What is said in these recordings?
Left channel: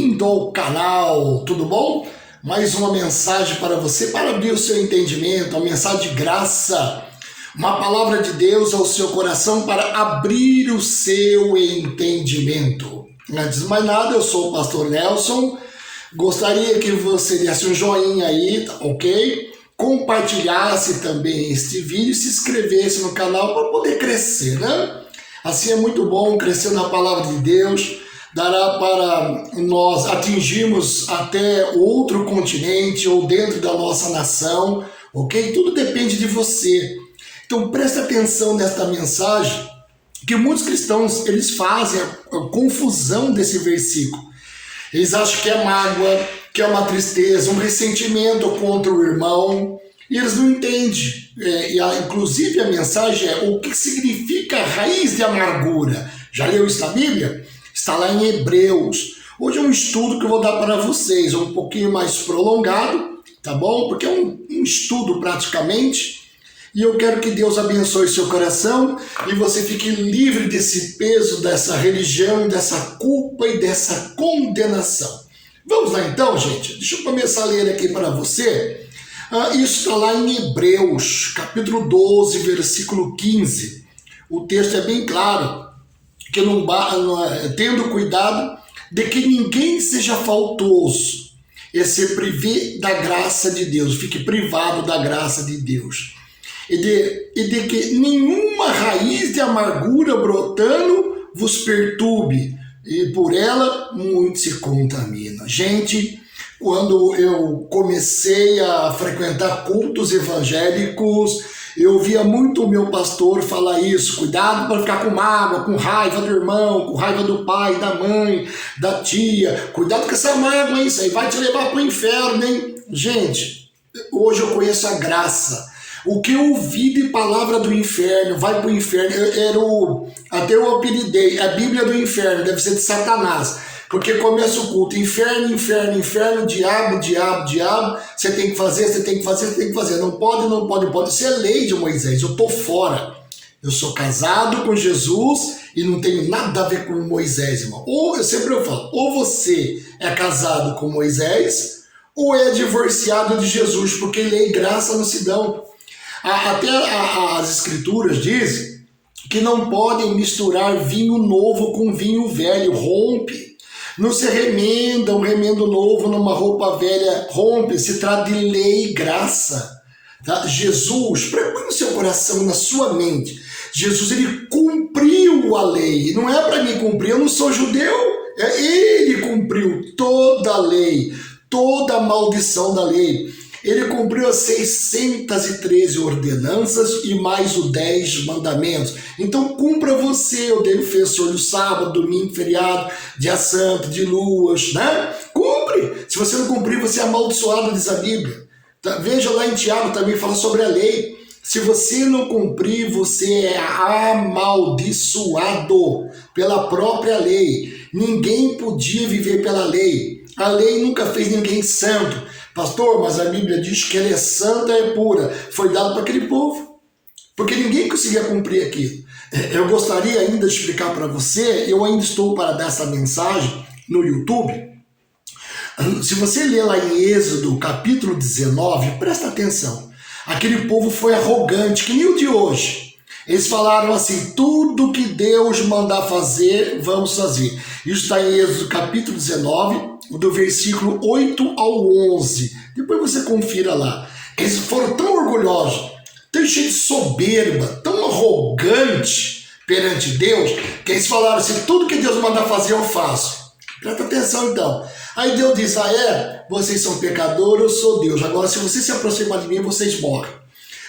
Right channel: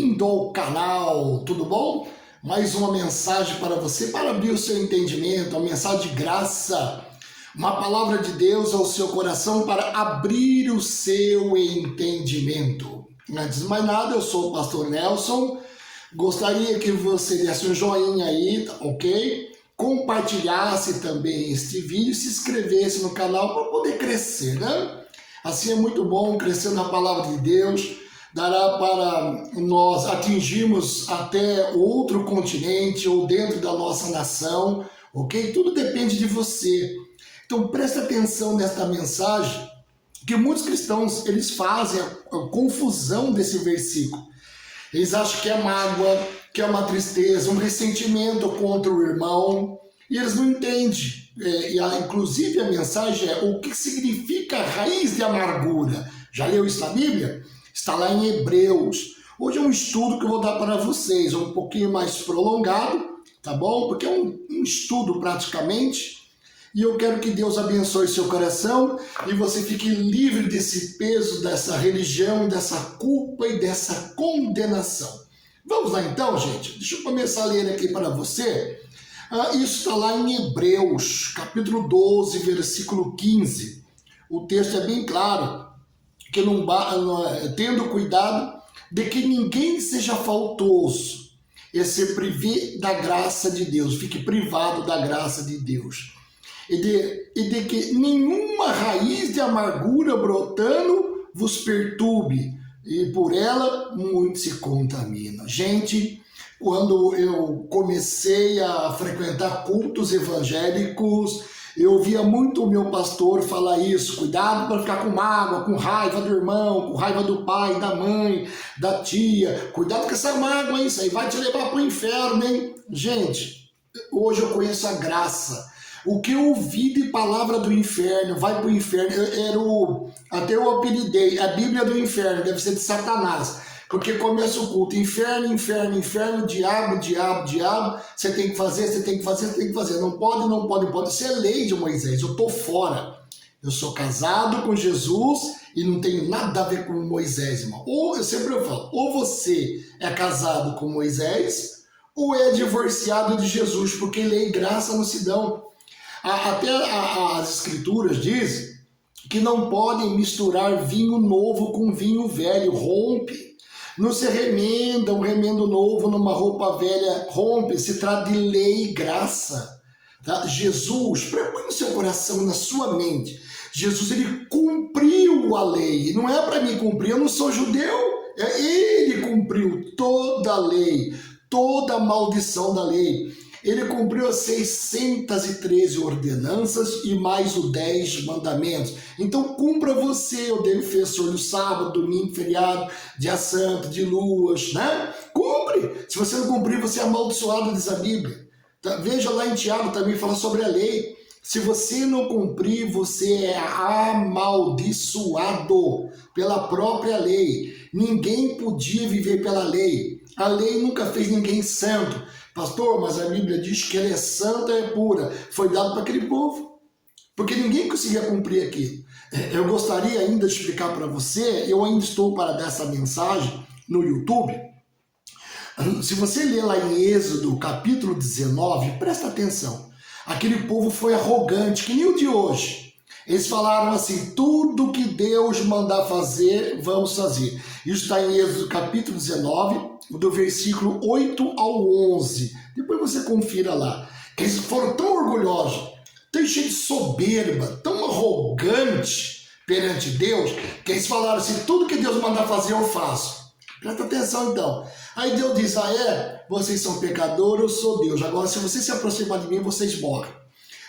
bem-vindo ao canal, tudo bom? Mais uma mensagem para você, para abrir o seu entendimento, uma mensagem de graça, uma palavra de Deus ao seu coração para abrir o seu entendimento. Antes de mais nada, eu sou o pastor Nelson, gostaria que você desse um joinha aí, ok? Compartilhasse também este vídeo e se inscrevesse no canal para poder crescer, né? Assim é muito bom crescer na palavra de Deus, dará para nós atingirmos até outro continente ou dentro da nossa nação, ok? Tudo depende de você. Então presta atenção nesta mensagem, que muitos cristãos eles fazem a confusão desse versículo. Eles acham que é mágoa, que é uma tristeza, um ressentimento contra o irmão, e eles não entendem. Inclusive a mensagem é o que significa raiz de amargura. Já leu isso na Bíblia? Está lá em Hebreus. Hoje é um estudo que eu vou dar para vocês, um pouquinho mais prolongado, tá bom? Porque é um estudo praticamente. E eu quero que Deus abençoe seu coração e você fique livre desse peso, dessa religião, dessa culpa e dessa condenação. Vamos lá então, gente? Deixa eu começar a ler aqui para você. Isso está lá em Hebreus, capítulo 12, versículo 15. O texto é bem claro, que tendo cuidado de que ninguém seja faltoso, e se prive da graça de Deus, fique privado da graça de Deus. E de que nenhuma raiz de amargura brotando vos perturbe, e por ela muito se contamina. Gente, quando eu comecei a frequentar cultos evangélicos, eu via muito o meu pastor falar isso: cuidado para ficar com mágoa, com raiva do irmão, com raiva do pai, da mãe, da tia. Cuidado com essa mágoa, hein? Isso aí vai te levar para o inferno, hein? Gente, hoje eu conheço a graça. O que eu ouvi de palavra do inferno, vai para o inferno, até eu apelidei, a Bíblia do inferno, deve ser de Satanás. Porque começa o culto, inferno, inferno, inferno, diabo, diabo, diabo, você tem que fazer, você tem que fazer, você tem que fazer. Não pode, não pode, não pode. Isso é lei de Moisés, eu estou fora. Eu sou casado com Jesus e não tenho nada a ver com Moisés, irmão. Eu sempre falo, ou você é casado com Moisés, ou é divorciado de Jesus, porque lei e graça não se dão. Até as escrituras dizem que não podem misturar vinho novo com vinho velho, rompe. Não se remenda um remendo novo numa roupa velha, rompe. Se trata de lei e graça. Tá? Jesus, põe no seu coração, na sua mente, Jesus ele cumpriu a lei. Não é para mim cumprir, eu não sou judeu. Ele cumpriu toda a lei, toda a maldição da lei. Ele cumpriu as 613 ordenanças e mais os 10 mandamentos. Então cumpra você o defensor do sábado, domingo, feriado, dia santo, de luas, né? Cumpre! Se você não cumprir, você é amaldiçoado, diz a Bíblia. Tá? Veja lá em Tiago também, fala sobre a lei. Se você não cumprir, você é amaldiçoado pela própria lei. Ninguém podia viver pela lei. A lei nunca fez ninguém santo. Pastor, mas a Bíblia diz que ela é santa, é pura. Foi dado para aquele povo, porque ninguém conseguia cumprir aquilo. Eu gostaria ainda de explicar para você, eu ainda estou para dar essa mensagem no YouTube. Se você ler lá em Êxodo, capítulo 19, presta atenção. Aquele povo foi arrogante, que nem o de hoje. Eles falaram assim: tudo que Deus mandar fazer, vamos fazer. Isso está em Êxodo capítulo 19, do versículo 8 ao 11. Depois você confira lá. Eles foram tão orgulhosos, tão cheios de soberba, tão arrogantes perante Deus, que eles falaram assim: tudo que Deus mandar fazer, eu faço. Presta atenção então. Aí Deus diz: vocês são pecadores, eu sou Deus. Agora, se você se aproximar de mim, vocês morrem.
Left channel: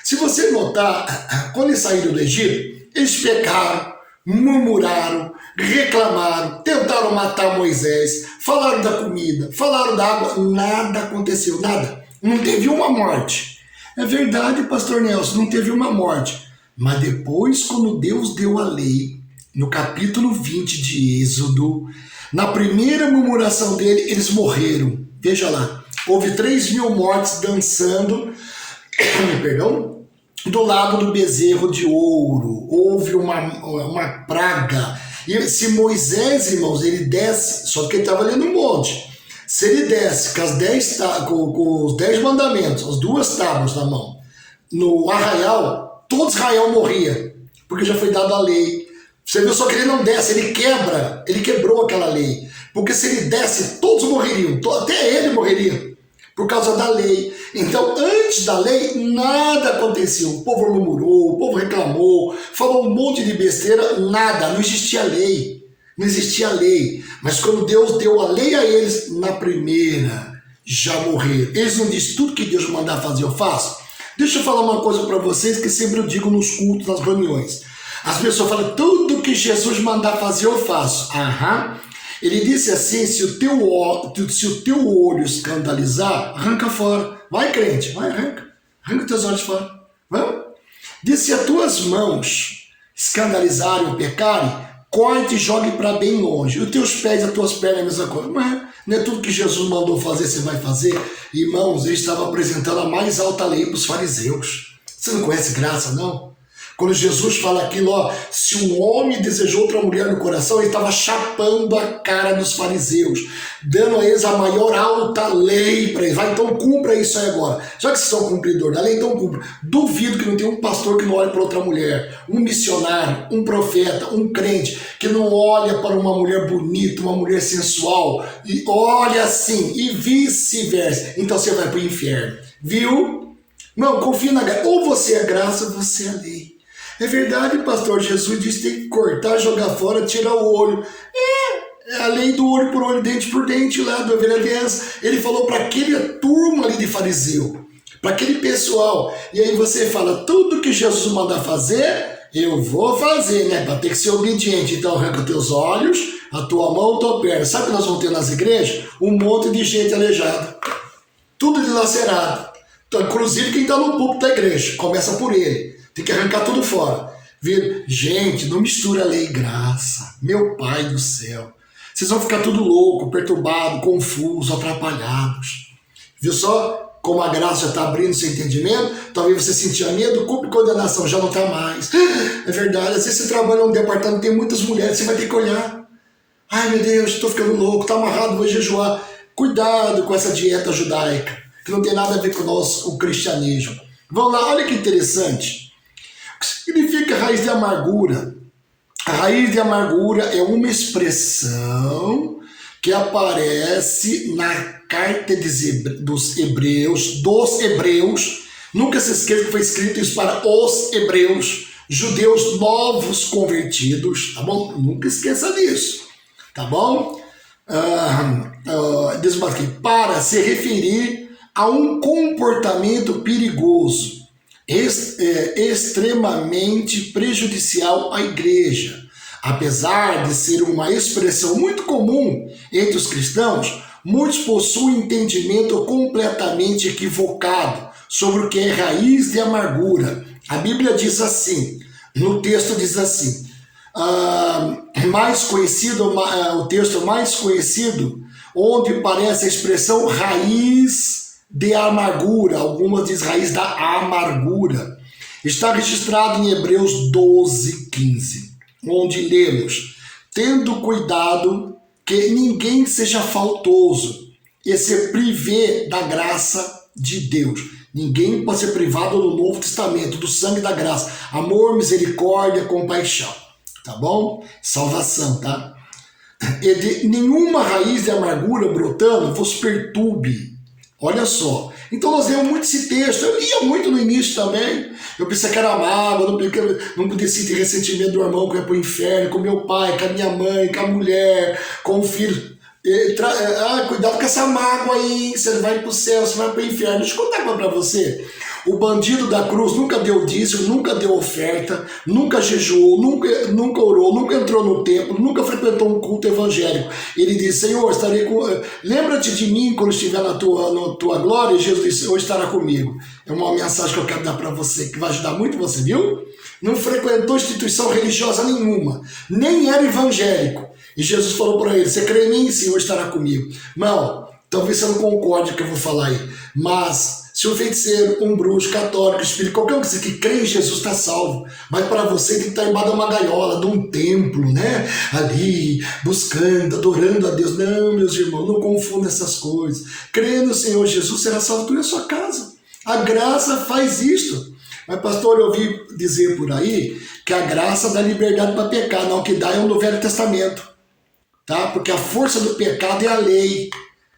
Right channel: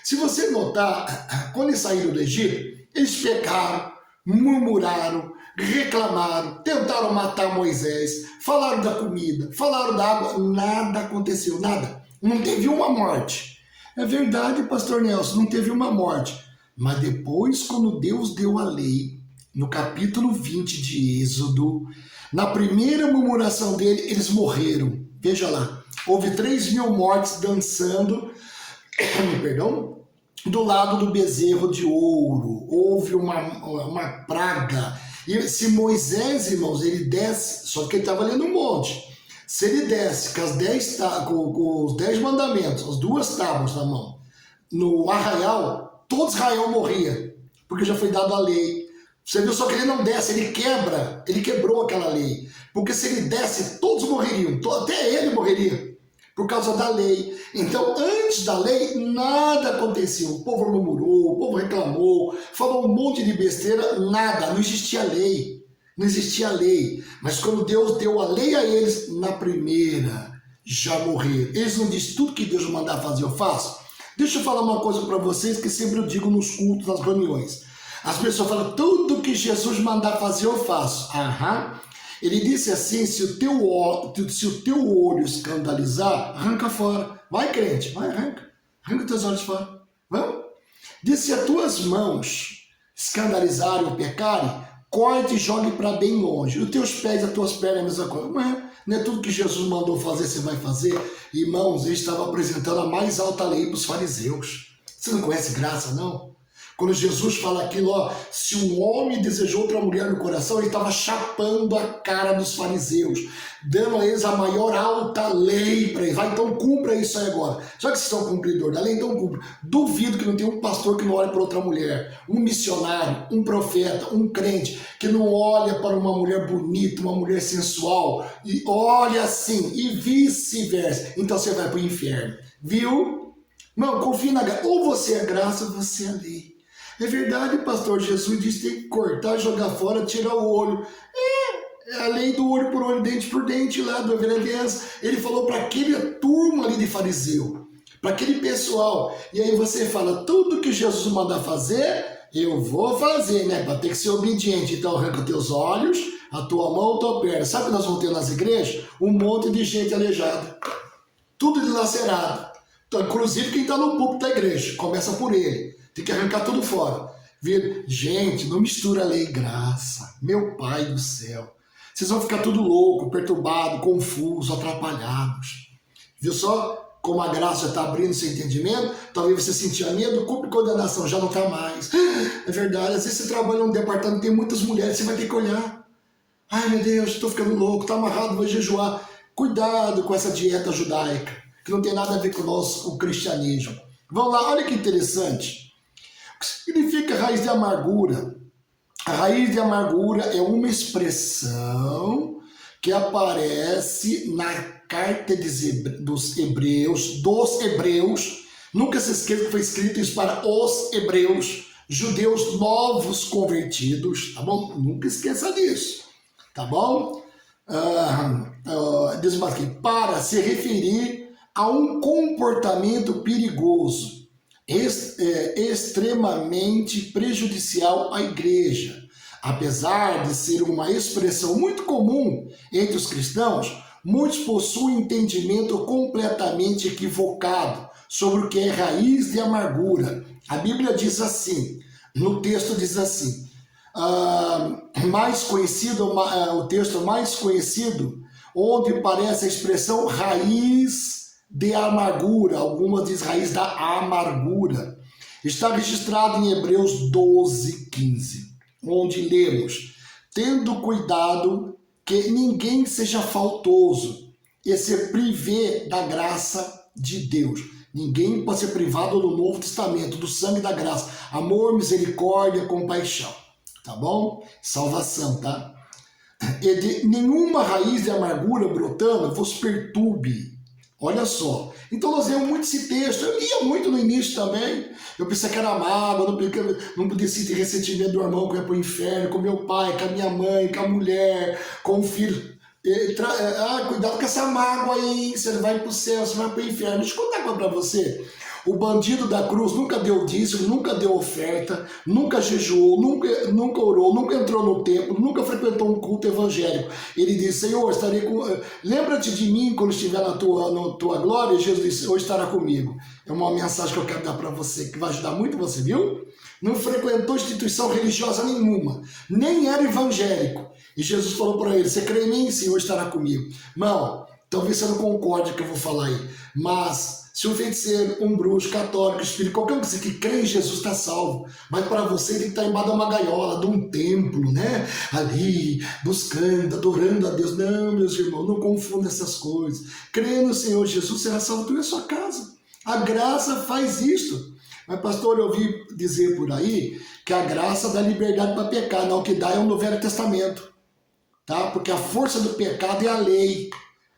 Se você notar, quando eles saíram do Egito, eles pecaram, murmuraram, reclamaram, tentaram matar Moisés, falaram da comida, falaram da água, nada aconteceu, nada. Não teve uma morte. É verdade, pastor Nelson, não teve uma morte. Mas depois, quando Deus deu a lei, no capítulo 20 de Êxodo, na primeira murmuração dele, eles morreram. Veja lá, houve 3.000 mortes dançando, do lado do bezerro de ouro. Houve uma praga E se Moisés, irmãos, ele desce, só que ele estava ali no monte, se ele desce com os 10 mandamentos, as 2 tábuas na mão, no arraial, todo Israel morria, porque já foi dada a lei. Você viu só que ele não desce, ele quebrou aquela lei. Porque se ele desce, todos morreriam, até ele morreria, por causa da lei. Então, antes da lei, nada acontecia. O povo murmurou, o povo reclamou, falou um monte de besteira, nada, não existia lei. Não existia lei. Mas quando Deus deu a lei a eles, na primeira, já morreram. Eles não dizem tudo que Deus mandar fazer, eu faço. Deixa eu falar uma coisa para vocês que sempre eu digo nos cultos, nas reuniões. As pessoas falam, tudo que Jesus mandar fazer, eu faço. Aham. Ele disse assim, se o teu olho escandalizar, arranca fora. Vai, crente, vai, arranca teus olhos fora. Vamos? Disse, se as tuas mãos escandalizarem ou pecarem, corte e jogue para bem longe. E os teus pés e as tuas pernas é a mesma coisa. Não é tudo que Jesus mandou fazer, você vai fazer. Irmãos, ele estava apresentando a mais alta lei para os fariseus. Você não conhece graça, não? Quando Jesus fala aquilo, ó, se um homem desejou outra mulher no coração, ele estava chapando a cara dos fariseus, dando a eles a maior alta lei para eles. Vai, então cumpra isso aí agora. Já que vocês são cumpridor da lei, então cumpra. Duvido que não tenha um pastor que não olhe para outra mulher, um missionário, um profeta, um crente, que não olha para uma mulher bonita, uma mulher sensual, e olha assim, e vice-versa. Então você vai para o inferno, viu? Não, confia na graça. Ou você é graça, ou você é lei. É verdade, pastor. Jesus disse que tem que cortar, jogar fora, tirar o olho. É a lei do olho por olho, dente por dente lá do Ovelha. Ele falou para aquele turma ali de fariseu, para aquele pessoal. E aí você fala, tudo que Jesus mandar fazer, eu vou fazer, né? Para ter que ser obediente. Então arranca teus olhos, a tua mão, a tua perna. Sabe o que nós vamos ter nas igrejas? Um monte de gente aleijada. Tudo dilacerado. Então, inclusive quem está no púlpito da igreja. Começa por ele. Tem que arrancar tudo fora. Viu? Gente, não mistura lei e graça. Meu Pai do céu. Vocês vão ficar tudo louco, perturbado, confuso, atrapalhados. Viu só como a graça já está abrindo seu entendimento? Talvez você sentia medo, culpa e condenação. Já não está mais. É verdade. Às vezes você trabalha num departamento, tem muitas mulheres, você vai ter que olhar. Ai, meu Deus, estou ficando louco, está amarrado, vou jejuar. Cuidado com essa dieta judaica, que não tem nada a ver com o cristianismo. Vamos lá, olha que interessante. O que significa raiz de amargura? A raiz de amargura é uma expressão que aparece na carta dos Hebreus. Nunca se esqueça que foi escrito isso para os hebreus, judeus novos convertidos, tá bom? Nunca esqueça disso, tá bom? Diz aqui, para se referir a um comportamento perigoso, extremamente prejudicial à igreja. Apesar de ser uma expressão muito comum entre os cristãos, muitos possuem entendimento completamente equivocado sobre o que é raiz de amargura. A Bíblia diz assim, no texto diz assim, o texto mais conhecido, onde aparece a expressão raiz de amargura, algumas dizem raiz da amargura, está registrado em Hebreus 12:15, onde lemos, tendo cuidado que ninguém seja faltoso e se prive da graça de Deus. Ninguém pode ser privado no Novo Testamento do sangue da graça, amor, misericórdia, compaixão, tá bom? Salvação, tá? E de nenhuma raiz de amargura brotando vos perturbe. Olha só, então nós lemos muito esse texto, eu lia muito no início também, eu pensei que era mágoa, não podia sentir ressentimento do irmão que ia para o inferno, com meu pai, com a minha mãe, com a mulher, com o filho. Cuidado com essa mágoa aí, você vai para o céu, você vai para o inferno. Deixa eu contar para você. O bandido da cruz nunca deu dízimo, nunca deu oferta, nunca jejuou, nunca orou, nunca entrou no templo, nunca frequentou um culto evangélico. Ele disse, Senhor, estarei com... Lembra-te de mim quando estiver na tua glória. E Jesus disse, hoje estará comigo. É uma mensagem que eu quero dar para você, que vai ajudar muito você, viu? Não frequentou instituição religiosa nenhuma, nem era evangélico. E Jesus falou para ele, você crê em mim? Sim, hoje estará comigo. Não, talvez você não concorde com o que eu vou falar aí, mas... Se um feiticeiro, um bruxo, católico, espírito, qualquer um que crê em Jesus está salvo. Mas para você tem que estar embaixo de uma gaiola, de um templo, né? Ali, buscando, adorando a Deus. Não, meus irmãos, não confunda essas coisas. Crê no Senhor Jesus, será salvo tu e a sua casa. A graça faz isto. Mas, pastor, eu ouvi dizer por aí que a graça dá liberdade para pecar. Não, o que dá é o no Velho Testamento. Tá? Porque a força do pecado é a lei.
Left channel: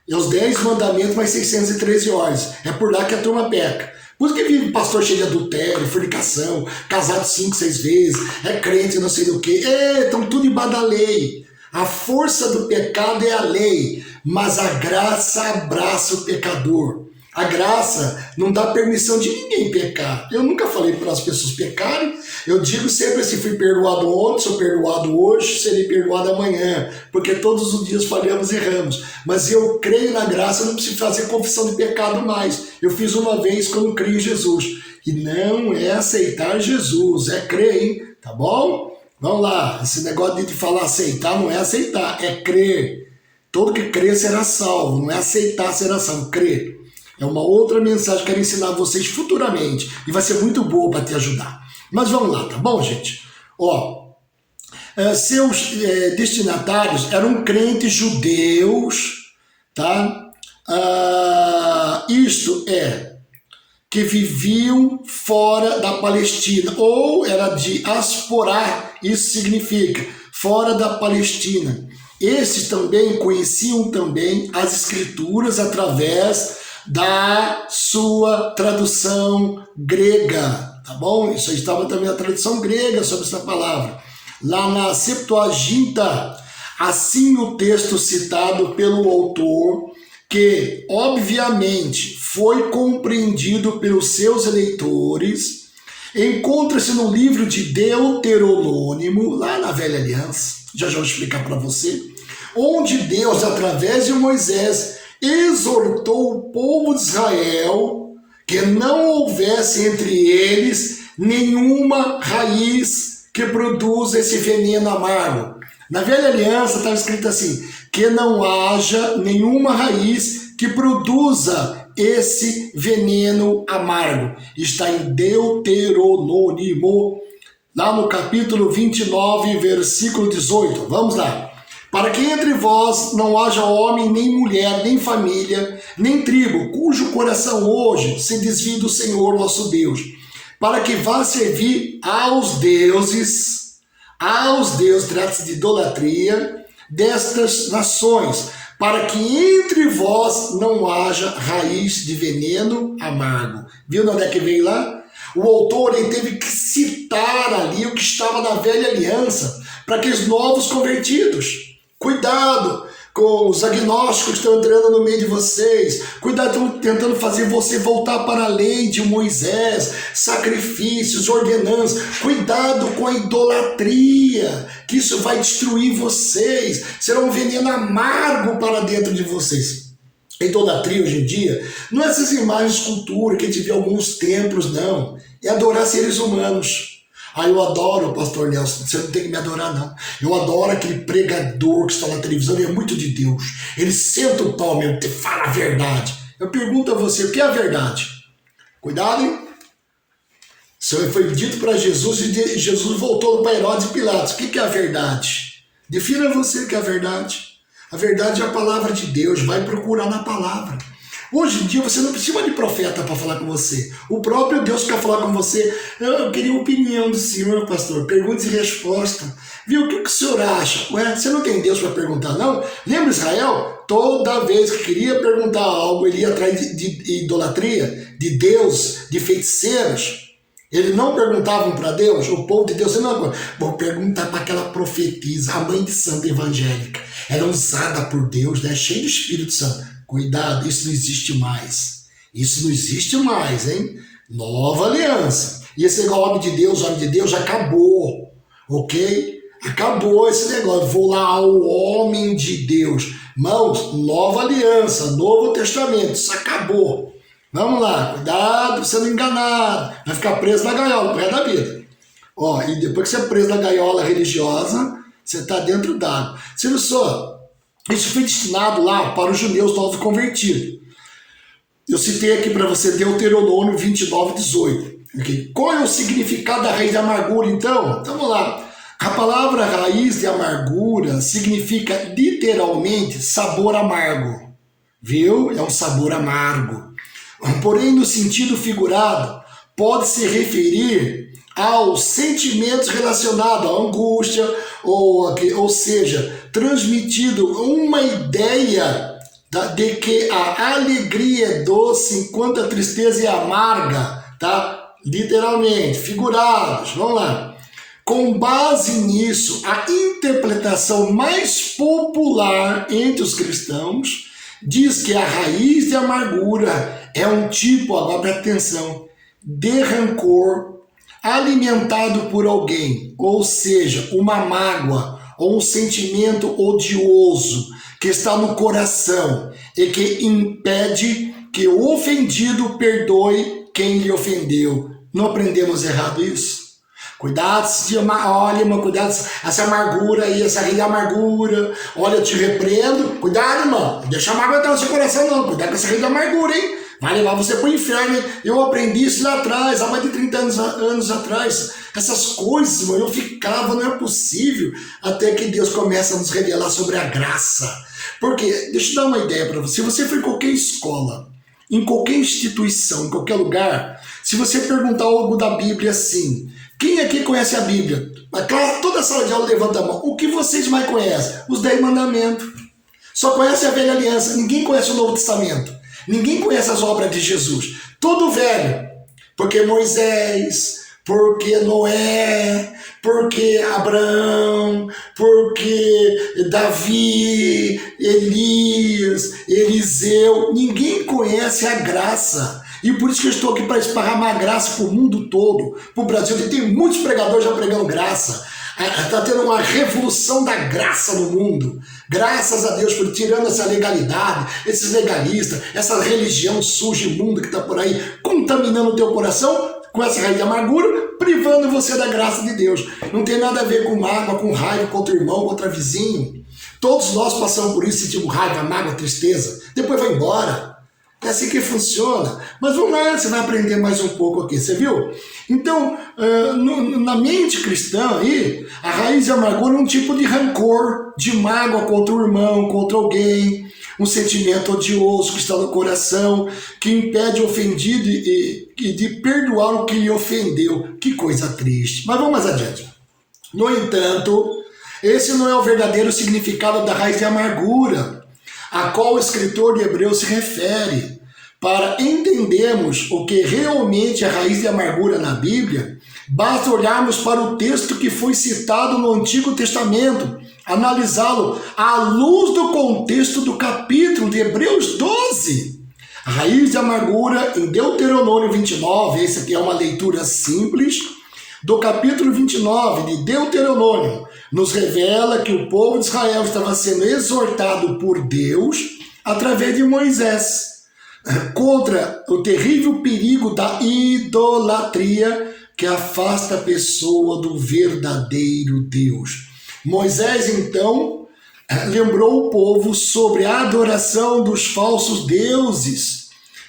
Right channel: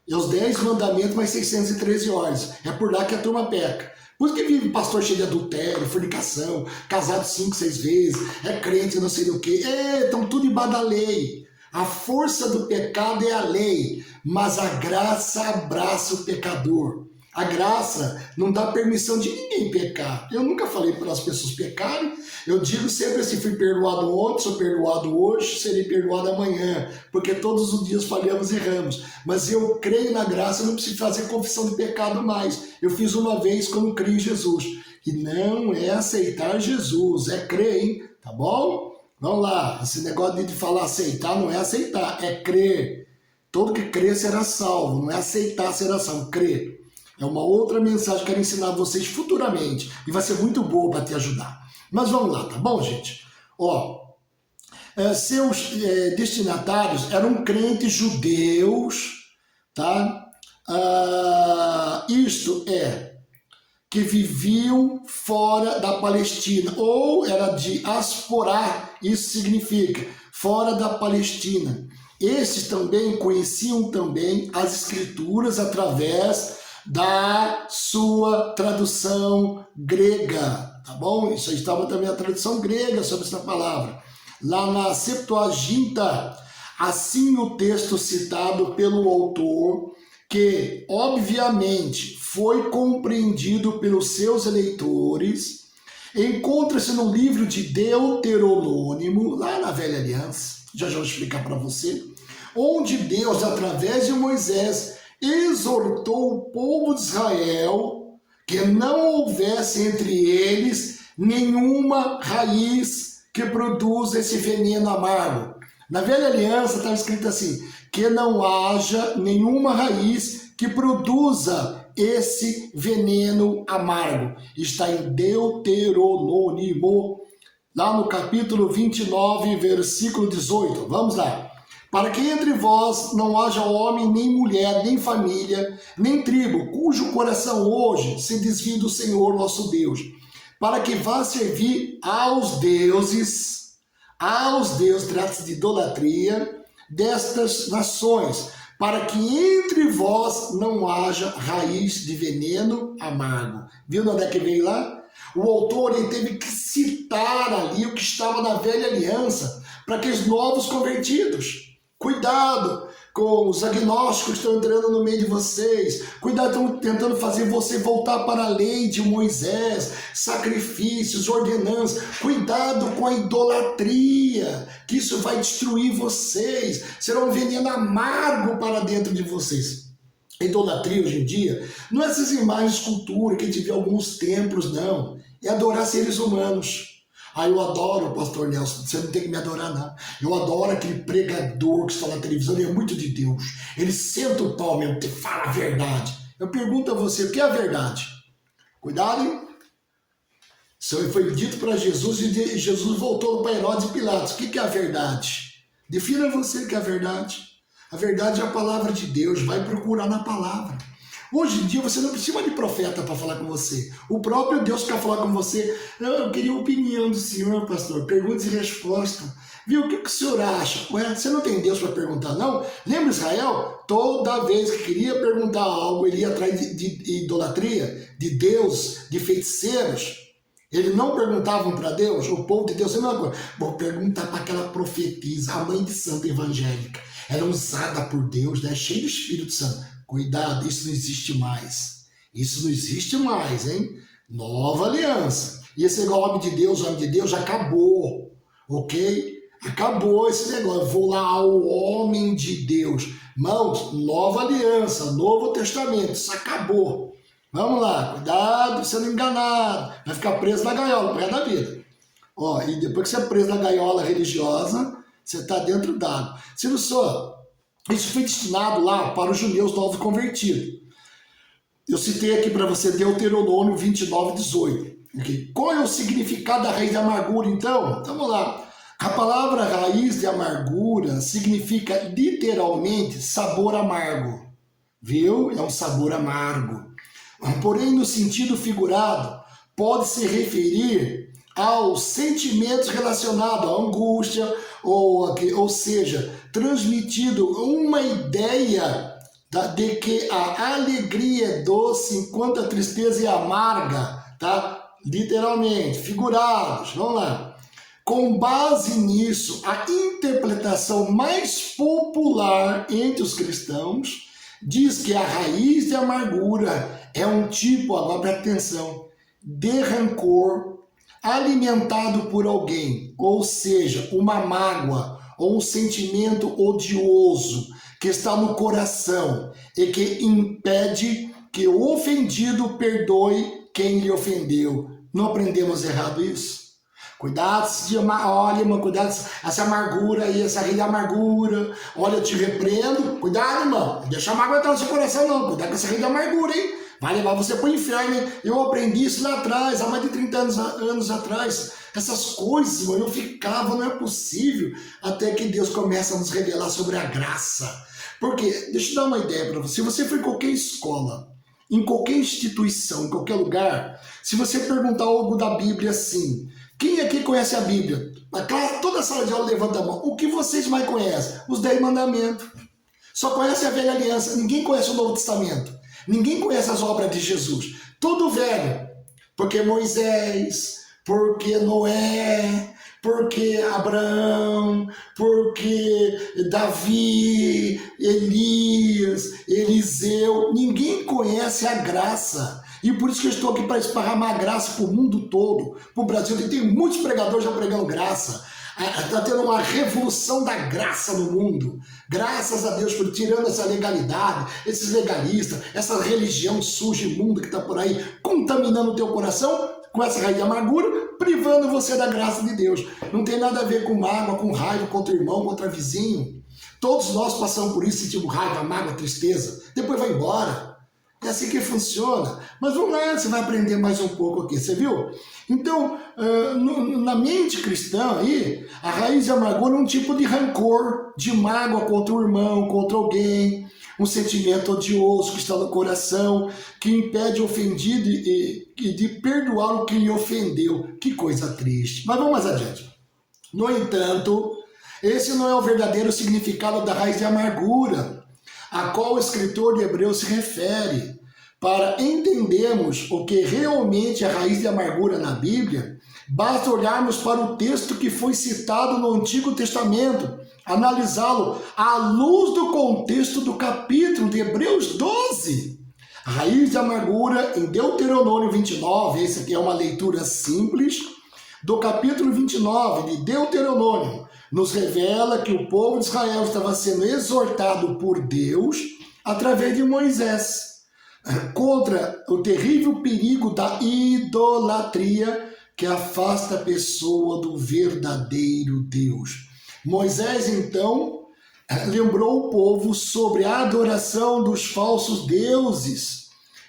É os 10 mandamentos mais 613 ordens. É por lá que a turma peca. Por isso que vive pastor cheio de adultério, fornicação, casado 5, 6 vezes, é crente não sei do que. Estão tudo embaixo da lei. A força do pecado é a lei, mas a graça abraça o pecador. A graça não dá permissão de ninguém pecar. Eu nunca falei para as pessoas pecarem. Eu digo sempre, se fui perdoado ontem, sou perdoado hoje, serei perdoado amanhã. Porque todos os dias falhamos e erramos. Mas eu creio na graça, não preciso fazer confissão de pecado mais. Eu fiz uma vez quando creio em Jesus. E não é aceitar Jesus, é crer, hein? Tá bom? Vamos lá. Esse negócio de falar aceitar não é aceitar, é crer. Todo que crer será salvo. Não é aceitar será salvo, crer. É uma outra mensagem que eu quero ensinar a vocês futuramente. E vai ser muito boa para te ajudar. Mas vamos lá, tá bom, gente? Seus destinatários eram crentes judeus, tá? Isto é, que viviam fora da Palestina. Ou era diasporá, isso significa fora da Palestina. Esses também conheciam também as escrituras através da sua tradução grega, tá bom? Isso aí estava também na tradução grega sobre essa palavra. Lá na Septuaginta, assim o texto citado pelo autor, que obviamente foi compreendido pelos seus eleitores, encontra-se no livro de Deuteronômio, lá na Velha Aliança, já vou explicar para você, onde Deus, através de Moisés, exortou o povo de Israel que não houvesse entre eles nenhuma raiz que produza esse veneno amargo. Na Velha Aliança estava escrito assim, que não haja nenhuma raiz que produza esse veneno amargo. Está em Deuteronômio, lá no capítulo 29, versículo 18. Vamos lá. Para que entre vós não haja homem, nem mulher, nem família, nem tribo, cujo coração hoje se desvie do Senhor nosso Deus, para que vá servir aos deuses, trata-se de idolatria, destas nações, para que entre vós não haja raiz de veneno amargo. Viu onde é que veio lá? O autor ele teve que citar ali o que estava na Velha Aliança, para aqueles novos convertidos. Cuidado com os agnósticos que estão entrando no meio de vocês. Cuidado, estão tentando fazer você voltar para a lei de Moisés, sacrifícios, ordenanças. Cuidado com a idolatria, que isso vai destruir vocês. Será um veneno amargo para dentro de vocês. A idolatria hoje em dia não é essas imagens de escultura que a gente vê em alguns templos, não. É adorar seres humanos. Eu adoro o pastor Nelson, você não tem que me adorar não. Eu adoro aquele pregador que está na televisão, ele é muito de Deus. Ele senta o pau mesmo, fala a verdade. Eu pergunto a você, o que é a verdade? Cuidado, hein? Isso foi dito para Jesus e Jesus voltou para Herodes e Pilatos. O que é a verdade? Defina você o que é a verdade. A verdade é a palavra de Deus, vai procurar na palavra. Hoje em dia você não precisa de profeta para falar com você. O próprio Deus quer falar com você. Eu queria a opinião do senhor, pastor. Perguntas e respostas. Viu? O que o senhor acha? Ué, você não tem Deus para perguntar, não? Lembra Israel? Toda vez que queria perguntar algo, ele ia atrás de idolatria, de Deus, de feiticeiros. Eles não perguntavam para Deus, o povo de Deus, não, vou perguntar para aquela profetisa, a mãe de santa evangélica. Era usada por Deus, né? Cheia do Espírito Santo. Cuidado, isso não existe mais. Isso não existe mais, hein? Nova aliança. E esse negócio homem de Deus, acabou. Ok? Acabou esse negócio. Vou lá ao homem de Deus. Irmãos, nova aliança, Novo Testamento. Isso acabou. Vamos lá, cuidado pra você não enganar. Vai ficar preso na gaiola, pro resto da vida. E depois que você é preso na gaiola religiosa, você está dentro d'água. Se não só... Isso foi destinado lá para os judeus novos convertidos. Eu citei aqui para você Deuteronômio 29, 18. Okay? Qual é o significado da raiz de amargura, então? Então, vamos lá. A palavra raiz de amargura significa literalmente sabor amargo. Viu? É um sabor amargo. Porém, no sentido figurado, pode se referir aos sentimentos relacionados à angústia, ou seja, transmitido uma ideia de que a alegria é doce enquanto a tristeza é amarga, tá? Literalmente, figurados, vamos lá. Com base nisso, a interpretação mais popular entre os cristãos diz que a raiz de amargura é um tipo, agora presta atenção, de rancor alimentado por alguém, ou seja, uma mágoa ou um sentimento odioso que está no coração e que impede que o ofendido perdoe quem lhe ofendeu. Não aprendemos errado isso? Cuidado, olha, irmão, cuidado, essa amargura aí, essa ria amargura. Olha, eu te repreendo. Cuidado, irmão, não deixa a mágoa entrar no seu coração, não. Cuidado com essa ria amargura, hein? Vai levar você pro inferno, hein? Eu aprendi isso lá atrás, há mais de 30 anos atrás. Essas coisas, irmão, eu ficava, não é possível, até que Deus começa a nos revelar sobre a graça. Porque, deixa eu dar uma ideia para você. Se você for em qualquer escola, em qualquer instituição, em qualquer lugar, se você perguntar algo da Bíblia assim, quem aqui conhece a Bíblia? Toda a sala de aula levanta a mão. O que vocês mais conhecem? Os 10 mandamentos. Só conhece a velha aliança. Ninguém conhece o Novo Testamento. Ninguém conhece as obras de Jesus. Tudo velho. Porque Moisés, porque Noé, porque Abraão, porque Davi, Elias, Eliseu. Ninguém conhece a graça. E por isso que eu estou aqui para esparramar graça para o mundo todo, para o Brasil. E tem muitos pregadores já pregando graça. Está tendo uma revolução da graça no mundo. Graças a Deus por tirando essa legalidade, esses legalistas, essa religião suja e imunda que está por aí, contaminando o teu coração com essa raiz de amargura, privando você da graça de Deus. Não tem nada a ver com mágoa, com raiva contra o irmão, contra o vizinho. Todos nós passamos por isso, sentimos raiva, mágoa, tristeza. Depois vai embora. É assim que funciona. Mas vamos lá, você vai aprender mais um pouco aqui, você viu? Então, na mente cristã aí, a raiz de amargura é um tipo de rancor, de mágoa contra o irmão, contra alguém, um sentimento odioso que está no coração, que impede o ofendido de perdoar o que lhe ofendeu. Que coisa triste. Mas vamos mais adiante. No entanto, esse não é o verdadeiro significado da raiz de amargura, a qual o escritor de Hebreus se refere. Para entendermos o que realmente é a raiz de amargura na Bíblia, basta olharmos para o texto que foi citado no Antigo Testamento, analisá-lo à luz do contexto do capítulo de Hebreus 12. A raiz de amargura em Deuteronômio 29, essa aqui é uma leitura simples, do capítulo 29 de Deuteronômio, nos revela que o povo de Israel estava sendo exortado por Deus através de Moisés contra o terrível perigo da idolatria que afasta a pessoa do verdadeiro Deus. Moisés, então, lembrou o povo sobre a adoração dos falsos deuses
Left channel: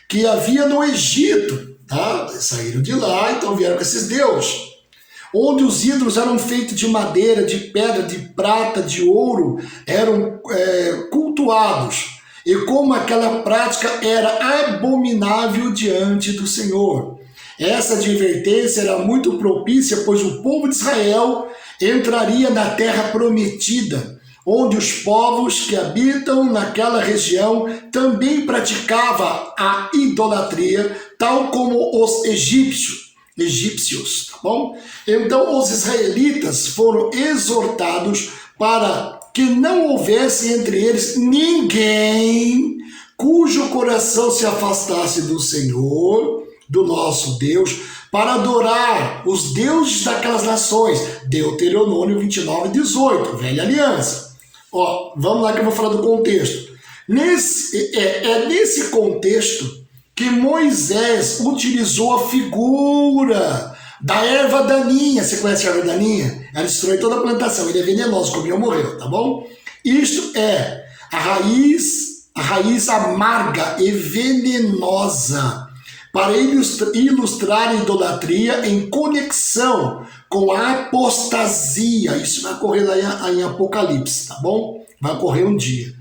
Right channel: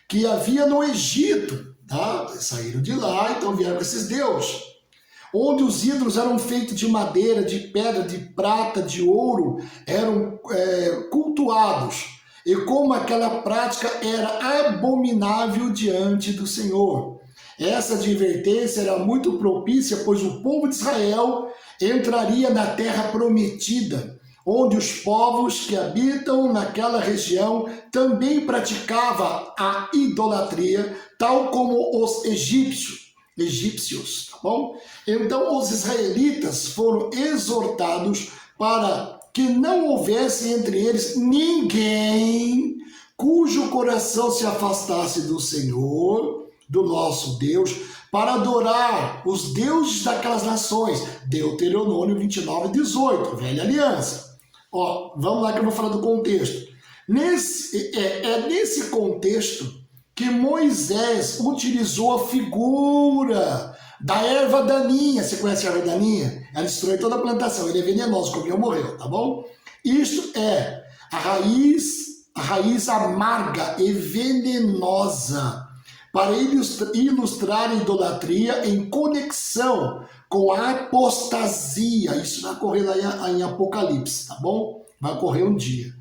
que havia no Egito. Tá? Saíram de lá, então vieram com esses deuses. Onde os ídolos eram feitos de madeira, de pedra, de prata, de ouro, eram cultuados. E como aquela prática era abominável diante do Senhor. Essa advertência era muito propícia, pois o povo de Israel entraria na terra prometida, onde os povos que habitam naquela região também praticavam a idolatria, tal como os egípcios, tá bom? Então os israelitas foram exortados para que não houvesse entre eles ninguém cujo coração se afastasse do Senhor, do nosso Deus, para adorar os deuses daquelas nações. Deuteronômio 29, 18, velha aliança. Ó, vamos lá que eu vou falar do contexto. Nesse contexto que Moisés utilizou a figura da erva daninha. Você conhece a erva daninha? Ela destrói toda a plantação. Ele é venenoso, comeu, morreu, tá bom? Isto é a raiz a raiz amarga e venenosa, para ilustrar a idolatria em conexão com a apostasia. Isso vai ocorrer lá em Apocalipse, tá bom? Vai ocorrer um dia.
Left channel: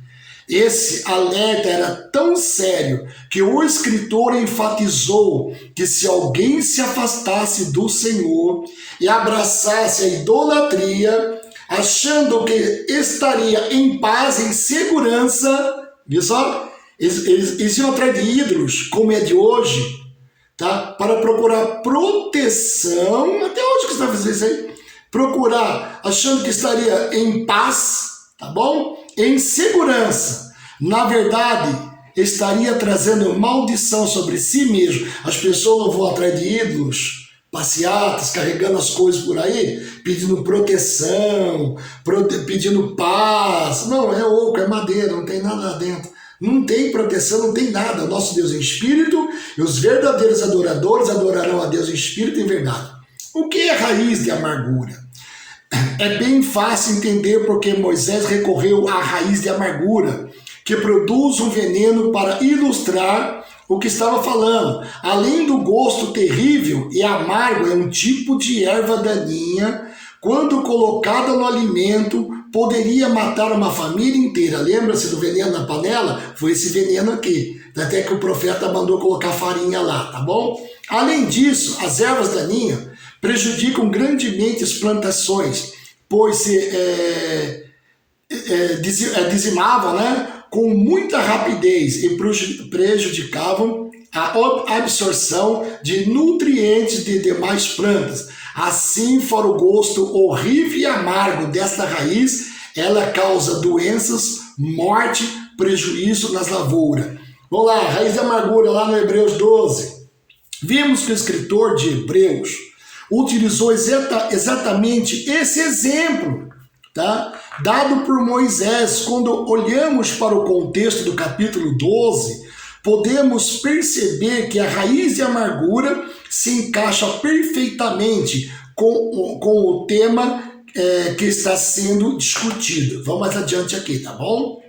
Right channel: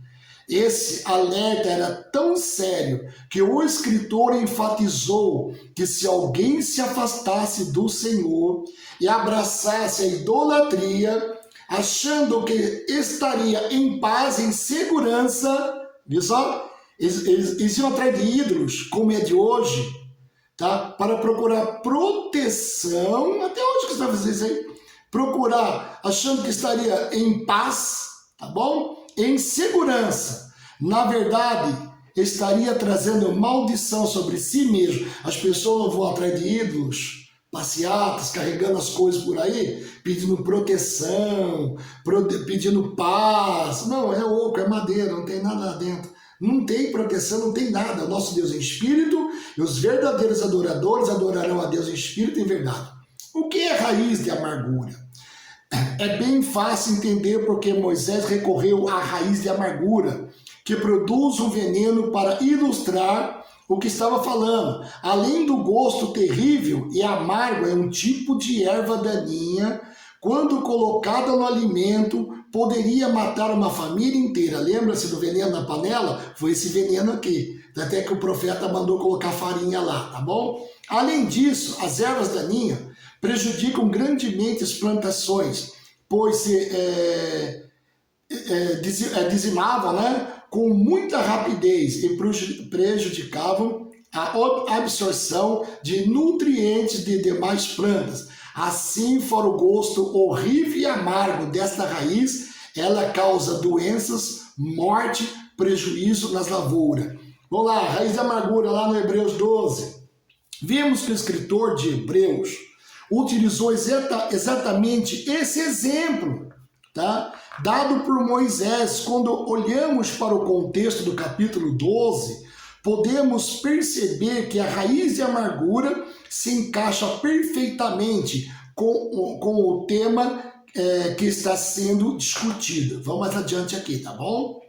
Esse alerta era tão sério que o escritor enfatizou que se alguém se afastasse do Senhor e abraçasse a idolatria, achando que estaria em paz, em segurança, viu só? Eles iam atrás de ídolos, como é de hoje, tá? Para procurar proteção. Até hoje que você vai fazer isso aí? Procurar, achando que estaria em paz, tá bom? Em segurança. Na verdade, estaria trazendo maldição sobre si mesmo. As pessoas não vão atrás de ídolos, passeatas, carregando as coisas por aí, pedindo proteção, pedindo paz. Não, é oco, é madeira, não tem nada lá dentro. Não tem proteção, não tem nada. O nosso Deus é espírito e os verdadeiros adoradores adorarão a Deus em espírito e em verdade. O que é raiz de amargura? É bem fácil entender porque Moisés recorreu à raiz de amargura, que produz um veneno para ilustrar o que estava falando. Além do gosto terrível e amargo, é um tipo de erva daninha, quando colocada no alimento, poderia matar uma família inteira. Lembra-se do veneno na panela? Foi esse veneno aqui. Até que o profeta mandou colocar farinha lá, tá bom? Além disso, as ervas daninhas prejudicam grandemente as plantações, pois dizimavam, né, com muita rapidez e prejudicavam a absorção de nutrientes de demais plantas. Assim, fora o gosto horrível e amargo desta raiz, ela causa doenças, morte, prejuízo nas lavouras. Vamos lá, raiz da amargura lá no Hebreus 12. Vimos que o escritor de Hebreus utilizou exatamente esse exemplo, tá? Dado por Moisés. Quando olhamos para o contexto do capítulo 12, podemos perceber que a raiz de amargura se encaixa perfeitamente com o tema que está sendo discutido. Vamos mais adiante aqui, tá bom?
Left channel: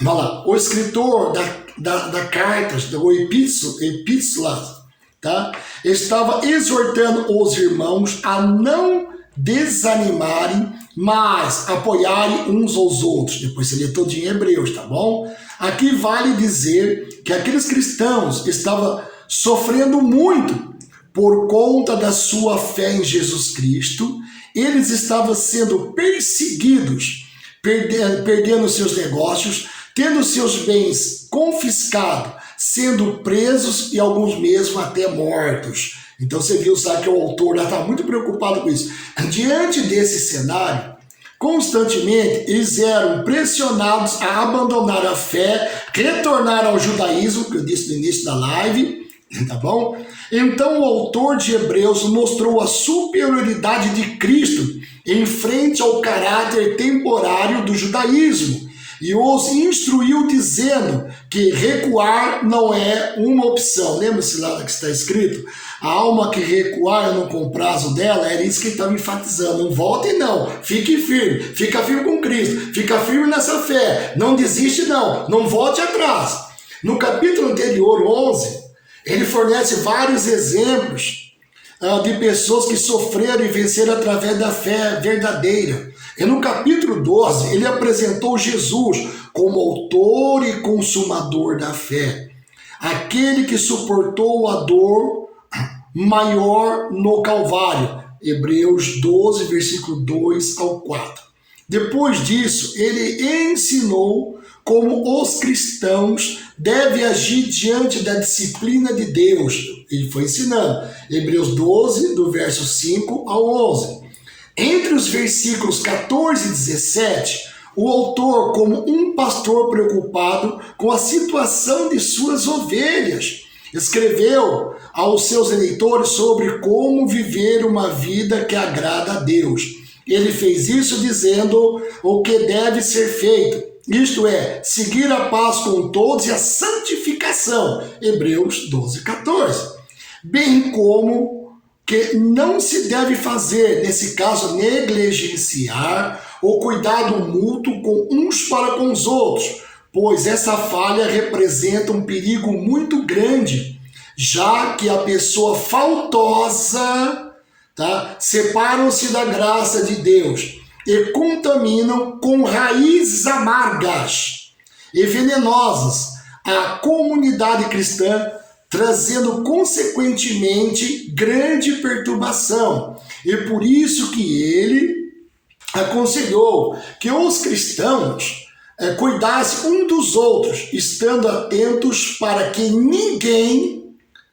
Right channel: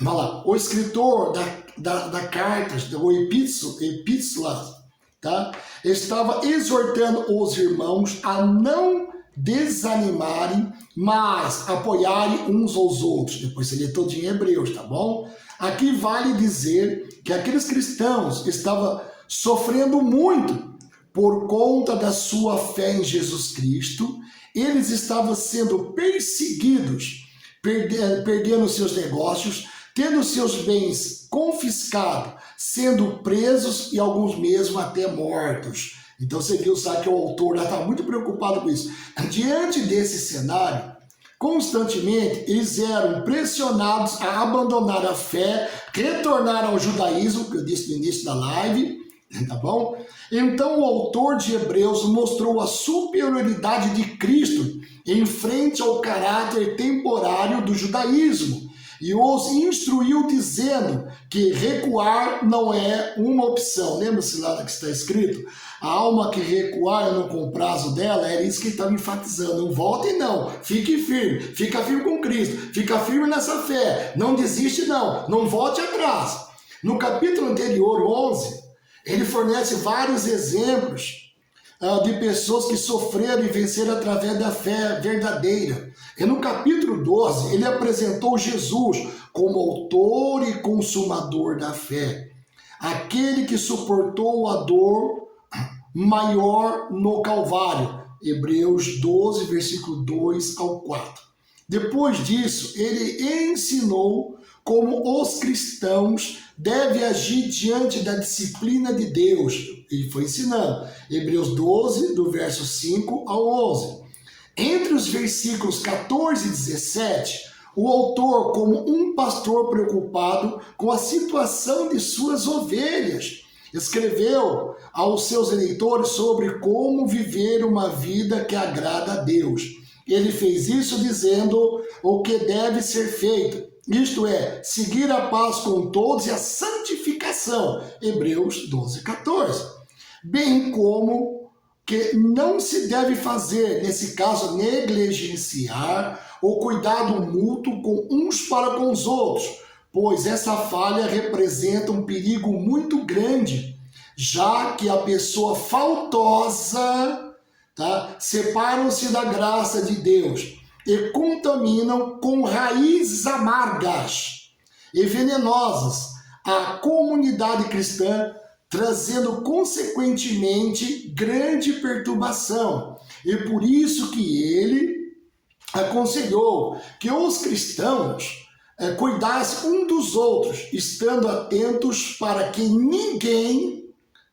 Vamos lá. O escritor da carta, do epístola, tá? Estava exortando os irmãos a não desanimarem, mas apoiarem uns aos outros. Depois você lê todinho em Hebreus, tá bom? Aqui vale dizer que aqueles cristãos estavam sofrendo muito por conta da sua fé em Jesus Cristo. Eles estavam sendo perseguidos, perdendo seus negócios, tendo seus bens confiscados, sendo presos e alguns mesmo até mortos. Então você viu, sabe, que o autor está muito preocupado com isso. Diante desse cenário, constantemente eles eram pressionados a abandonar a fé, retornar ao judaísmo, que eu disse no início da live, tá bom? Então o autor de Hebreus mostrou a superioridade de Cristo em frente ao caráter temporário do judaísmo e os instruiu dizendo que recuar não é uma opção. Lembra-se lá que está escrito? A alma que recuar no comprazo dela, era isso que ele estava enfatizando. Não volte não, fique firme, fica firme com Cristo, fica firme nessa fé, não desiste não volte atrás. No capítulo anterior, 11, ele fornece vários exemplos de pessoas que sofreram e venceram através da fé verdadeira. E no capítulo 12, ele apresentou Jesus como autor e consumador da fé, aquele que suportou a dor maior no Calvário. Hebreus 12, versículo 2 ao 4. Depois disso, ele ensinou como os cristãos devem agir diante da disciplina de Deus. Ele foi ensinando. Hebreus 12, do verso 5 ao 11. Entre os versículos 14 e 17, o autor, como um pastor preocupado com a situação de suas ovelhas, escreveu aos seus eleitores sobre como viver uma vida que agrada a Deus. Ele fez isso dizendo o que deve ser feito, isto é, seguir a paz com todos e a santificação. Hebreus 12, 14. Bem como que não se deve fazer, nesse caso, negligenciar o cuidado mútuo com uns para com os outros, pois essa falha representa um perigo muito grande, já que a pessoa faltosa, tá, separam-se da graça de Deus e contaminam com raízes amargas e venenosas a comunidade cristã, trazendo consequentemente grande perturbação. E por isso que ele aconselhou que os cristãos cuidassem um dos outros, estando atentos para que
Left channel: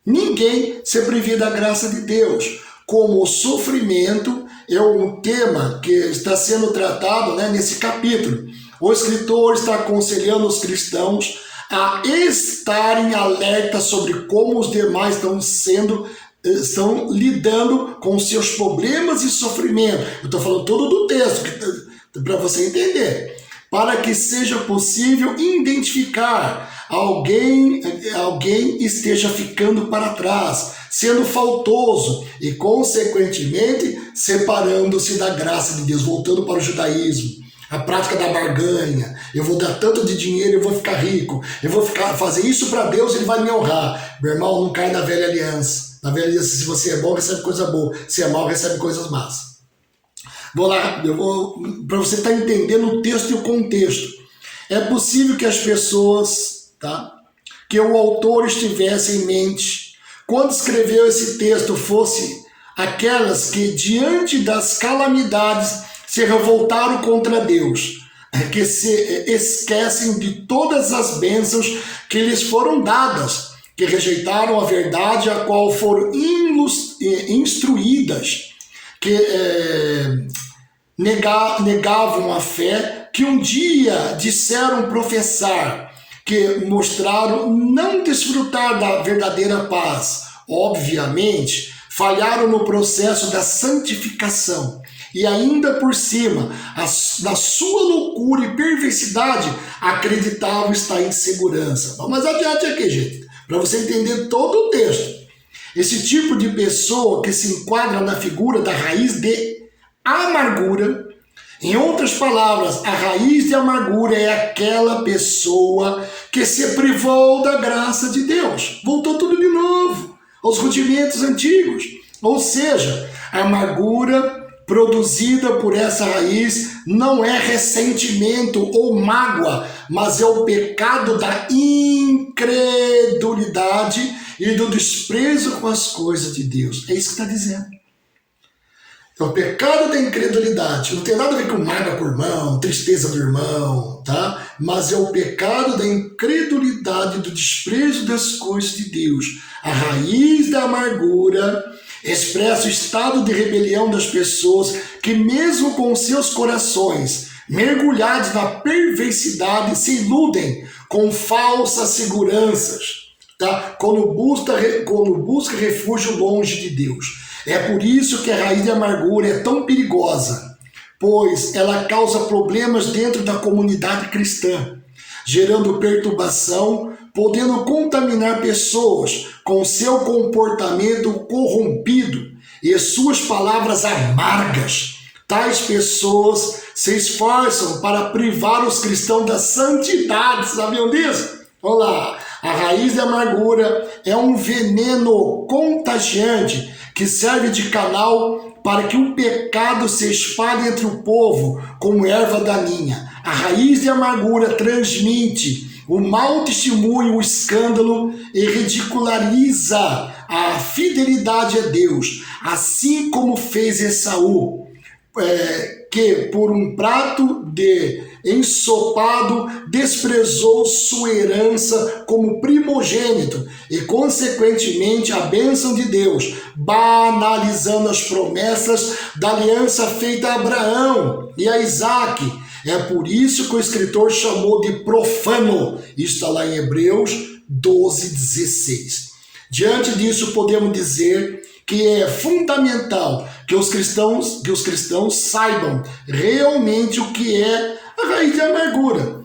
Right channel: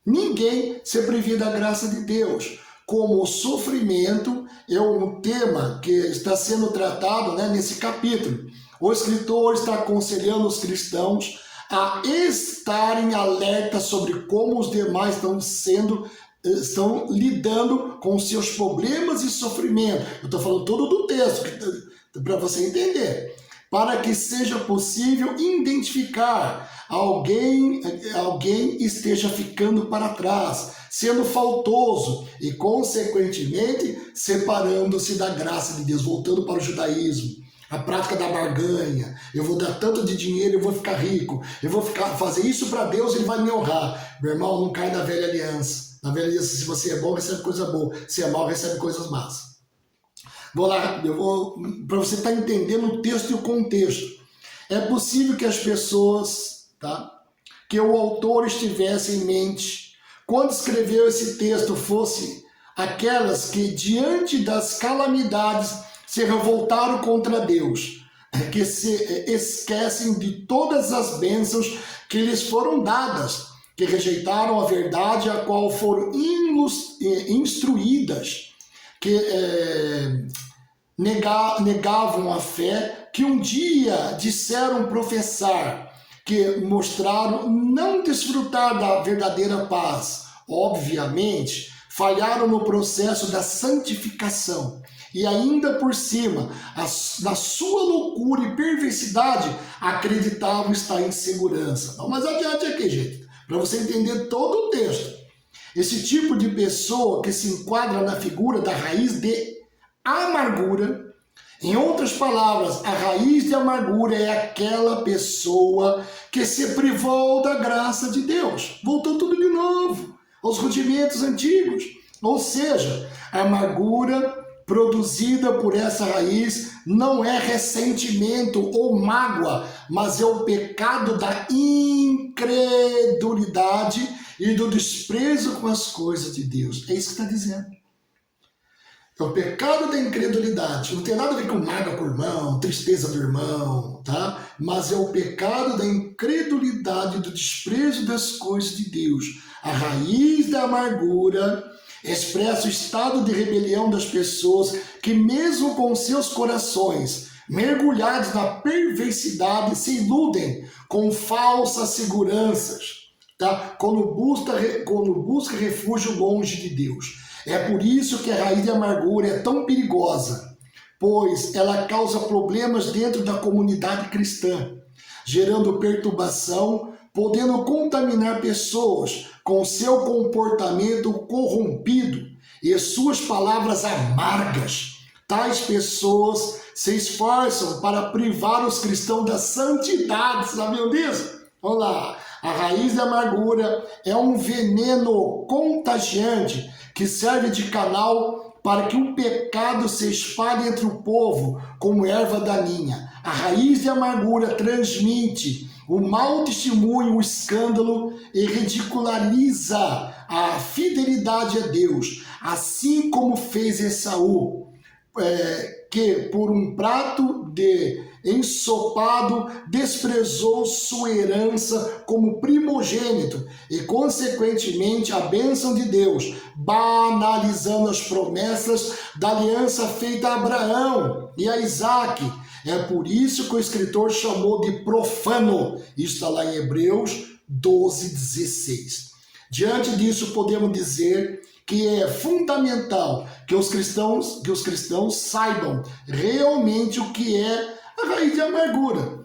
ninguém se prive da graça de Deus. Como o sofrimento é um tema que está sendo tratado, né, nesse capítulo. O escritor está aconselhando os cristãos a estarem alertas sobre como os demais estão lidando com seus problemas e sofrimento. Eu estou falando todo do texto, para você entender. Para que seja possível identificar alguém esteja ficando para trás, sendo faltoso e, consequentemente, separando-se da graça de Deus, voltando para o judaísmo. A prática da barganha, eu vou dar tanto de dinheiro, eu vou ficar rico, eu vou fazer isso para Deus, ele vai me honrar. Meu irmão, não cai na velha aliança. Na velha aliança, se você é bom, recebe coisa boa, se é mal, recebe coisas más. Vou lá, para você estar entendendo o texto e o contexto. É possível que as pessoas, tá, que o autor estivesse em mente, quando escreveu esse texto, fosse aquelas que, diante das calamidades, se revoltaram contra Deus, que se esquecem de todas as bênçãos que lhes foram dadas, que rejeitaram a verdade a qual foram instruídas, que negavam a fé, que um dia disseram professar, que mostraram não desfrutar da verdadeira paz. Obviamente, falharam no processo da santificação. E ainda por cima, na sua loucura e perversidade, acreditavam estar em segurança. Vamos adiante aqui, gente, para você entender todo o texto. Esse tipo de pessoa que se enquadra na figura da raiz de amargura, em outras palavras, a raiz de amargura é aquela pessoa que se privou da graça de Deus. Voltou tudo de novo aos rudimentos antigos. Ou seja, a amargura produzida por essa raiz não é ressentimento ou mágoa, mas é o pecado da incredulidade e do desprezo com as coisas de Deus. É isso que está dizendo. É o pecado da incredulidade. Não tem nada a ver com mágoa com o irmão, tristeza do irmão, tá? Mas é o pecado da incredulidade e do desprezo das coisas de Deus. A raiz da amargura expressa o estado de rebelião das pessoas que, mesmo com seus corações mergulhados na perversidade, se iludem com falsas seguranças, tá? Quando busca refúgio longe de Deus. É por isso que a raiz de amargura é tão perigosa, pois ela causa problemas dentro da comunidade cristã, gerando perturbação, podendo contaminar pessoas com seu comportamento corrompido e suas palavras amargas. Tais pessoas se esforçam para privar os cristãos da santidade. Sabiam disso? Vamos lá. A raiz da amargura é um veneno contagiante que serve de canal para que o pecado se espalhe entre o povo como erva daninha. A raiz de amargura transmite o mau testemunho, o escândalo e ridiculariza a fidelidade a Deus, assim como fez Esaú, que por um prato de ensopado desprezou sua herança como primogênito e, consequentemente, a bênção de Deus, banalizando as promessas da aliança feita a Abraão e a Isaque. É por isso que o escritor chamou de profano. Isso está lá em Hebreus 12:16. Diante disso, podemos dizer que é fundamental que os cristãos saibam realmente o que é a raiz de amargura,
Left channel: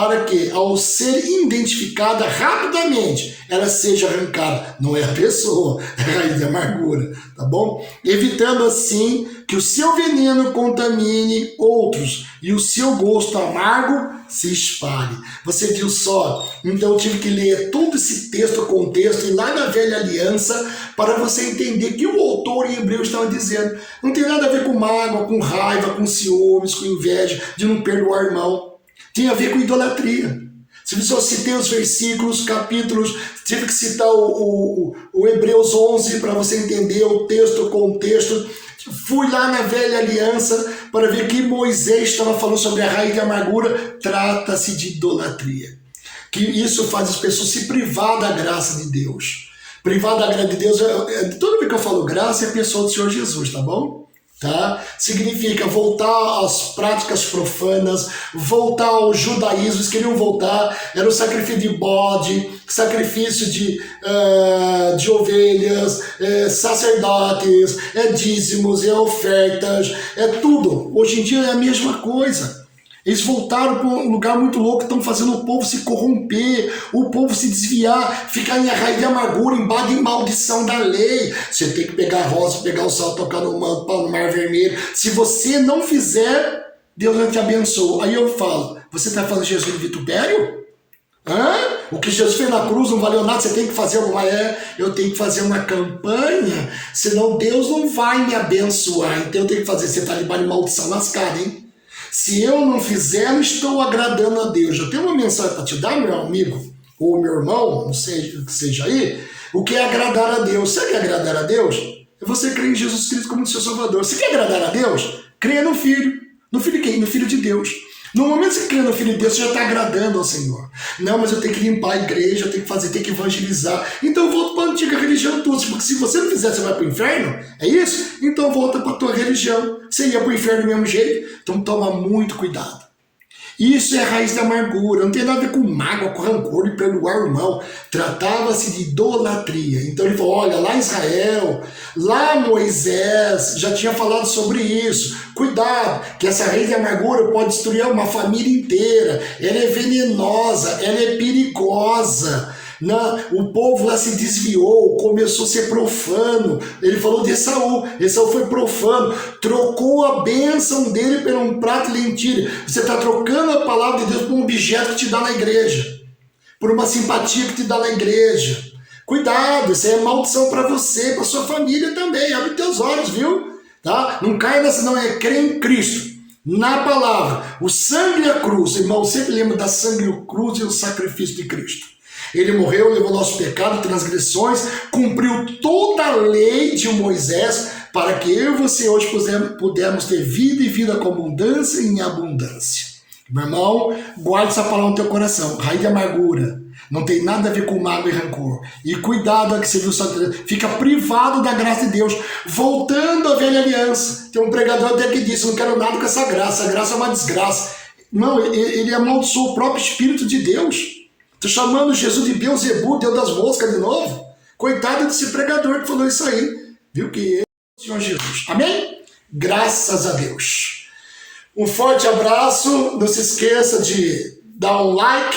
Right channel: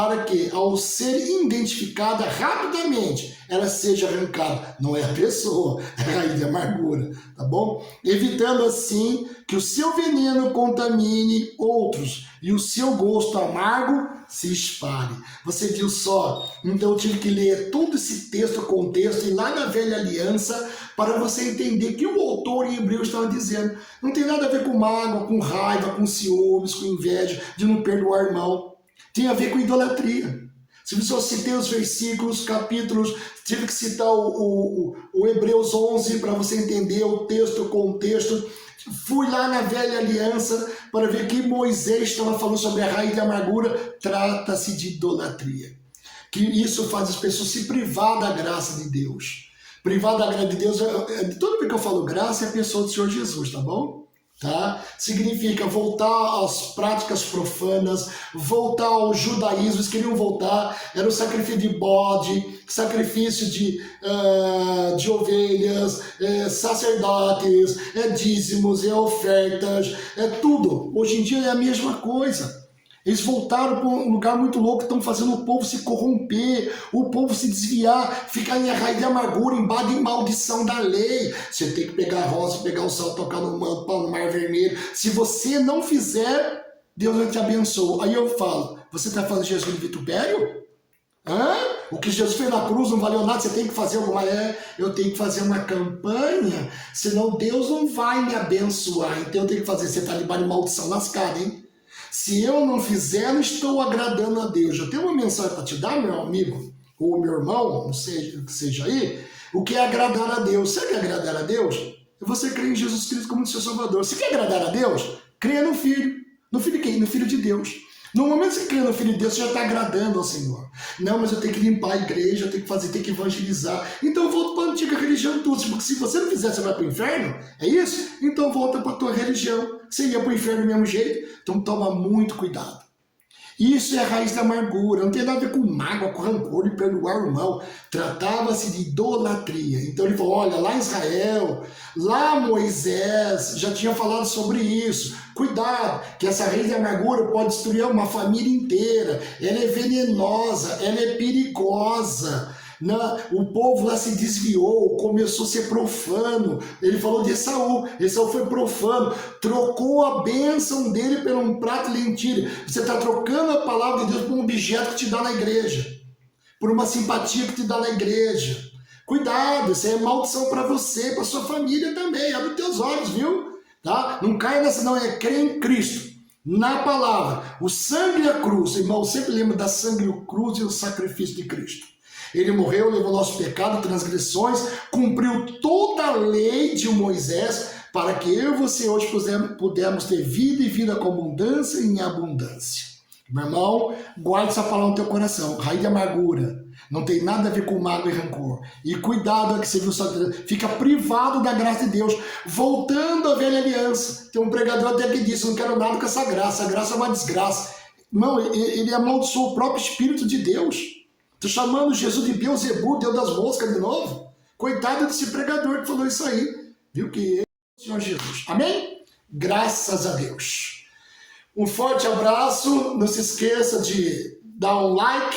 para que, ao ser identificada rapidamente, ela seja arrancada. Não é a pessoa, é a raiz de amargura, tá bom? Evitando assim que o seu veneno contamine outros e o seu gosto amargo se espalhe. Você viu só? Então eu tive que ler todo esse texto, contexto, e lá na Velha Aliança, para você entender que o autor em hebreu estava dizendo. Não tem nada a ver com mágoa, com raiva, com ciúmes, com inveja, de não perdoar o irmão. Tem a ver com idolatria. Se eu citei os versículos, capítulos, tive que citar o Hebreus 11 para você entender o texto, o contexto. Fui lá na Velha Aliança para ver que Moisés estava falando sobre a raiz de amargura. Trata-se de idolatria. Que isso faz as pessoas se privar da graça de Deus. Privar da graça de Deus, toda vez que eu falo graça, é a pessoa do Senhor Jesus, tá bom? Tá? Significa voltar às práticas profanas, voltar ao judaísmo. Eles queriam voltar, era o sacrifício de bode, sacrifício de ovelhas, sacerdotes, dízimos, ofertas, tudo. Hoje em dia é a mesma coisa. Eles voltaram para um lugar muito louco, estão fazendo o povo se corromper, o povo se desviar, ficar em raiz de amargura, embado em maldição da lei. Você tem que pegar a rosa, pegar o sal, tocar no mar vermelho. Se você não fizer, Deus não te abençoa. Aí eu falo, você está falando de Jesus de vitupério? O que Jesus fez na cruz não valeu nada, você tem que fazer eu tenho que fazer uma campanha, senão Deus não vai me abençoar. Então eu tenho que fazer, você está debaixo de maldição lascada, hein? Se eu não fizer, não estou agradando a Deus. Eu tenho uma mensagem para te dar, meu amigo, ou meu irmão, não sei o que seja aí. O que é agradar a Deus? Você quer agradar a Deus? É você crer em Jesus Cristo como seu Salvador. Você quer agradar a Deus? Creia no Filho. No Filho de quem? No Filho de Deus. No momento que você crê no Filho de Deus, você já está agradando ao Senhor. Não, mas eu tenho que limpar a igreja, eu tenho que fazer, tenho que evangelizar. Então eu volto para a antiga religião toda. Porque se você não fizer, você vai para o inferno? É isso? Então volta para a tua religião. Você ia para o inferno do mesmo jeito? Então toma muito cuidado. Isso é a raiz da amargura, não tem nada a ver com mágoa, com rancor e perdoar o irmão. Tratava-se de idolatria. Então ele falou, olha, lá Israel, lá Moisés já tinha falado sobre isso. Cuidado, que essa raiz de amargura pode destruir uma família inteira. Ela é venenosa, ela é perigosa. O povo lá se desviou, começou a ser profano. Ele falou de Esaú. Esaú foi profano, trocou a bênção dele por um prato de lentilha. Você está trocando a palavra de Deus por um objeto que te dá na igreja, por uma simpatia que te dá na igreja. Cuidado, isso aí é maldição para você, para sua família também. Abre teus olhos, viu? Tá? Não caia nessa, não, é crer em Cristo. Na palavra, o sangue e a cruz. Irmão, sempre lembra da sangue e a cruz e o sacrifício de Cristo. Ele morreu, levou nosso pecado, transgressões, cumpriu toda a lei de Moisés para que eu e você hoje pudermos ter vida e vida com abundância e em abundância. Meu irmão, guarde essa palavra no teu coração. Raiz de amargura. Não tem nada a ver com mágoa e rancor. E cuidado que você viu, fica privado da graça de Deus. Voltando à velha aliança. Tem um pregador até que disse, não quero nada com essa graça. A graça é uma desgraça. Não, ele amaldiçoou o próprio Espírito de Deus. Estou chamando Jesus de Beelzebub, Deus das moscas de novo. Coitado desse pregador que falou isso aí. Viu que ele é o Senhor Jesus. Amém? Graças a Deus. Um forte abraço. Não se esqueça de dar um like,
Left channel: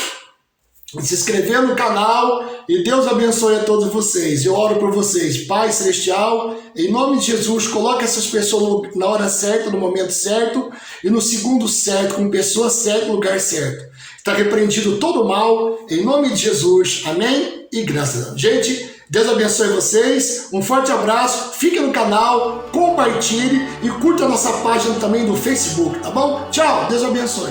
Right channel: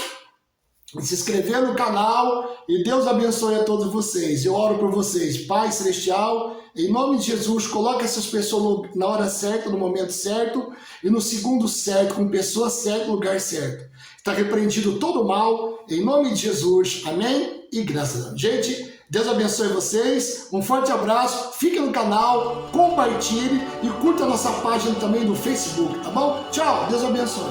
de se inscrever no canal. E Deus abençoe a todos vocês. Eu oro por vocês. Pai Celestial, em nome de Jesus, coloque essas pessoas na hora certa, no momento certo, e no segundo certo, com pessoas certas, no lugar certo. Está repreendido todo o mal, em nome de Jesus, amém? E graças a Deus. Gente, Deus abençoe vocês, um forte abraço, fique no canal, compartilhe e curta a nossa página também do Facebook, tá bom? Tchau, Deus abençoe.